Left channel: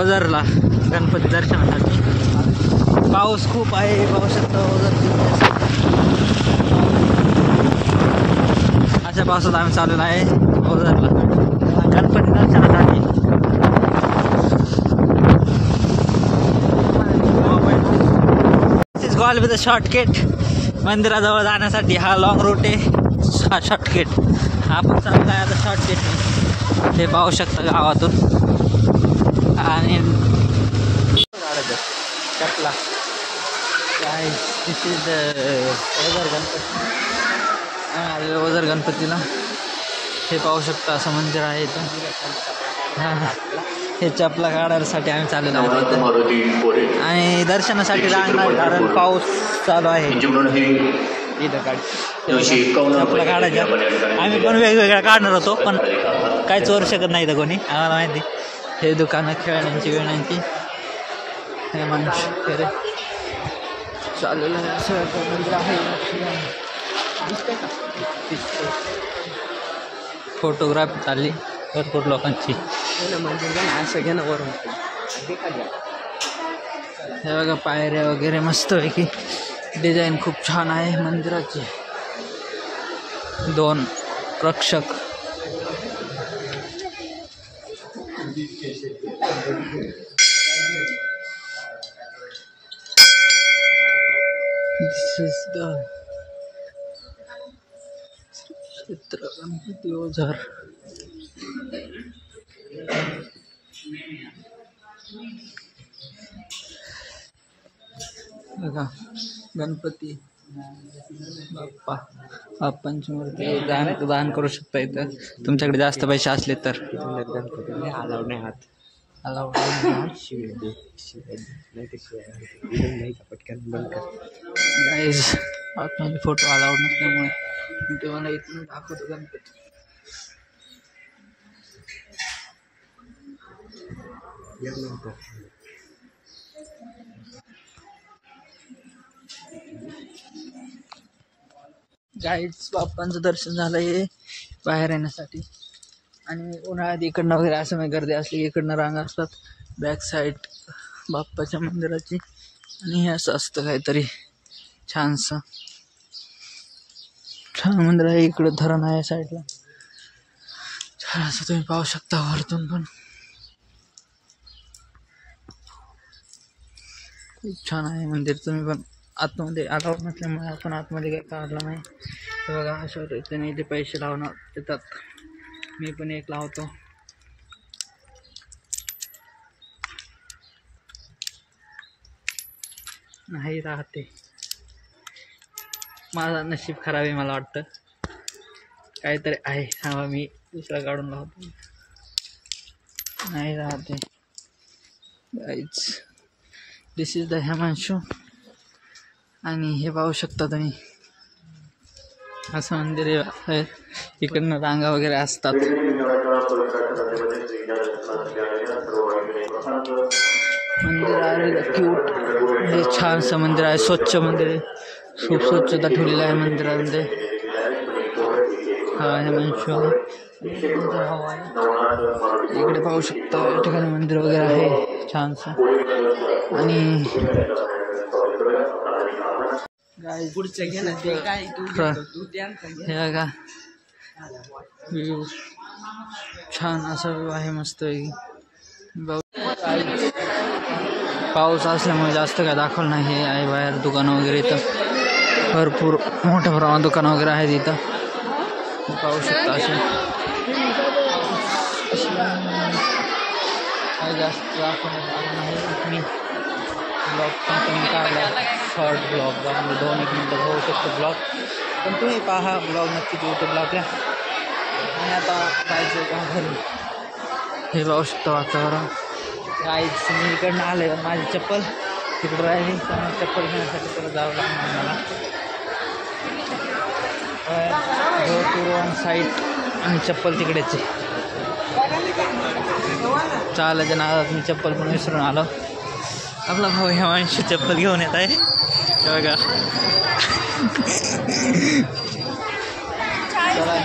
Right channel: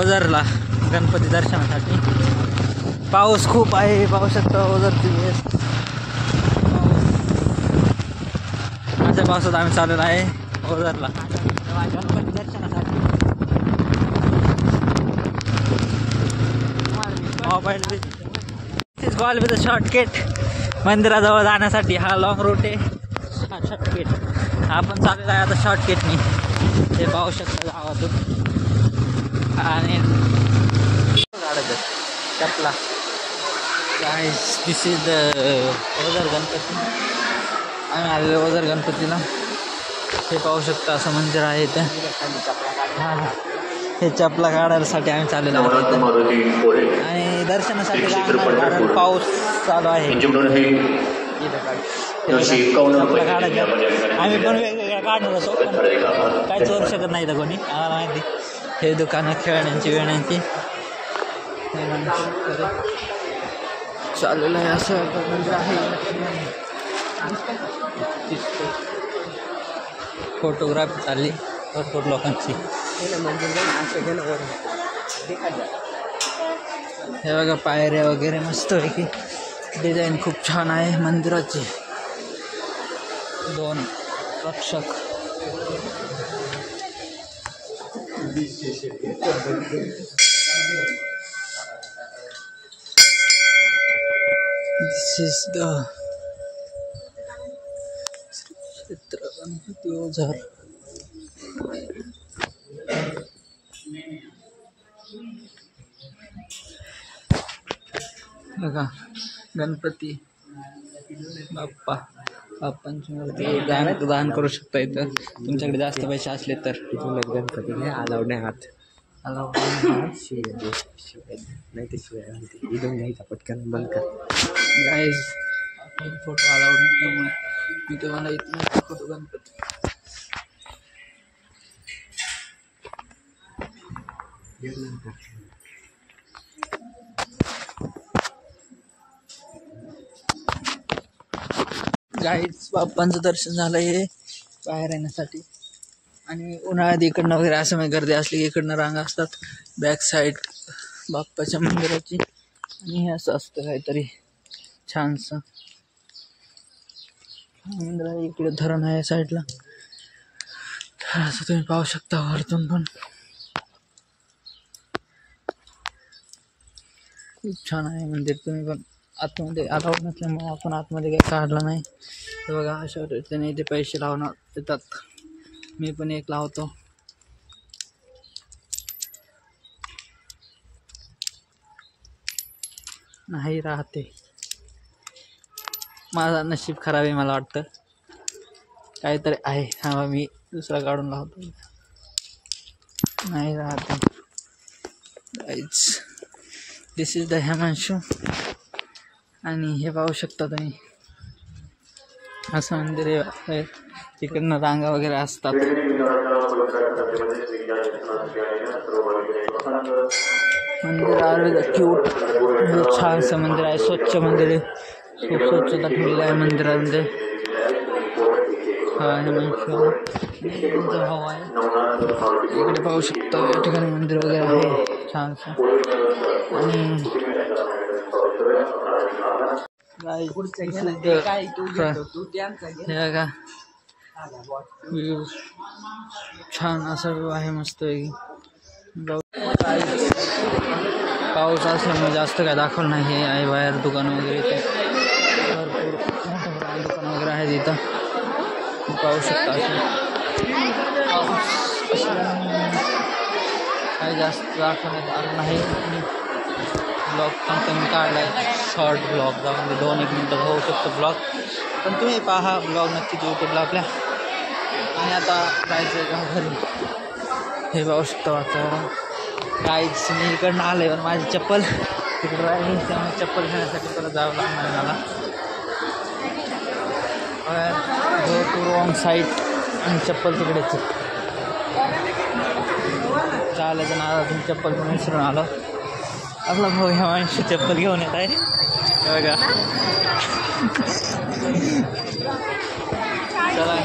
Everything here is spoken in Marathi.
ओझरला गणपती दर्शनासाठी। पाऊस खूप आहे, पाहू शकता ओझरची। अशा पावसात आम्ही चाललेलो आहे ओझरला गणपती दर्शनासाठी। गॉल विथ शॉर्टकट मंदिराजवळ जाण्यासाठी हा लॉंग रूट आहे, हा शॉर्टकट आपण चांगला आहे आता शॉर्टकट हे पाहू शकता गावातून। आणि गाड्याचं चपला गाईस, दिस इज द ओझर गणपती। आम्ही आलेलो ओझर गणपतीला, हे पाहू शकता असं मंदिर आहे इथं। हे चपला काढायसाठी आम्ही चाललेलो आहोत आणि दर्शनासाठी जाणार, कारण पाऊस चालू आहे। चपला काढायच्या आम्ही पण वेगवेगळ्या काढणार होतो, पण काहीच करू शकत नाही तर कोणी, आम्हाला माहिती। हे दुकानं खेळण्यांची वेण्यांची, हे मनुष्य चाललेलं आहे असं मंदिर आहे। फोटोग्राफी चालली भरपूर लोकांची। हे बघा पायऱ्या वगैरे मस्त आहे की, डिझाईन खूप छान आहे मंदिराची। 2 रक्षक This is the क्षेत्र गणपती ओझर। बघा गणपती बाप्पांची मूर्ती दान करू शकता इथं, तुमच्याकडे जास्त पैसे असले तर। गणपती नाही अलाउड नाही, हात अलाउड शिवाय नाही ते शिवाय इथून घ्यायचा पटकन बंद कर। गाईज आतमध्ये फोटो अलाउड नसल्यामुळे मी तुम्हाला इथून दाखवतो गणपती। गाईज बाप्पांचं दर्शन झालं आहे बाहेर येण्यासाठी, आणि उन्हाळ्यात इकडनं वगैरे असं म्हणजे गर्दी असली की इकडनं रांगा असतात बॅक साईड बाप्पाच्या मंदिराची। आणि हे असं असतं काहीतरी छानसं, छान मंदिर आहे। इकडं धरण आहे साईडला, असं तुम्ही पाहू शकता वरतून पण खूप छान आहे मंदिर। तुम्ही पण आतमध्ये अलाउड नसल्यामुळे आपण आतमध्ये काही काढलं नाही। तर बघा अशा रीतीने इथे पैसे लावणार येतात, मी पण एक लावतो। नाही राहते, माझा नशीब खराब आहे मला वाटतं, काहीतरी आहे। हा मी दुसरा काढून लावतो, नाही राहते। Guys this is the Himanshu, आणि हे पाहू शकता तुम्ही असं मंदिर आहे। इकडनं रांगा वगैरे असतात। मंदिर आहे क्यूट, हे छानसं मंदिर आहे, स्वच्छ मंदिर आहे, खूप स्वच्छता ठेवलेली आहे मंदिरामध्ये। हा हिमांशू त्यांचा भाव आहे, इकडे पाहू शकता या ठिकाणी मंदिर वगैरे आहे छानसं। आणि हे बघा व्ह्यू छान असा व्ह्यू आहे मस्त आहे। पाऊस असल्यामुळे जास्त काय दाखवलं नाही, हे आहे बाहेर दुकानं वगैरे, इथं भरपूर मोठ्या प्रमाणात दुकानं वगैरे आहेत इथं, पाहू शकता असे। काही जास्त दाखवण्यात आलं नाही, मी ब्लॉग पण कमी काढला आहे, शॉर्ट ब्लॉग त्यामध्ये 2-1 मिनटं होऊ शकतो ब्लॉग, पण तुम्ही पहा ब्लॉग नक्कीच यूट्यूबला आपल्या। आणि आता जायचं का घरी, हे पाहू शकता वातावरण। काहीच मी इकडनं आलं आहे, पण माझी चप्पल तिकडं राहिली, त्यामुळे चप्पल घेण्यासाठी परत जावं लागणार मला। गो टू रॉंग साईड, आणि चप्पल तिकडेच आहे। चालायच्या नावातून चप्पल पण विसरून आलो। आपला भाऊ हिमांशू चप्पल घेऊन येत आहे, बघा चला।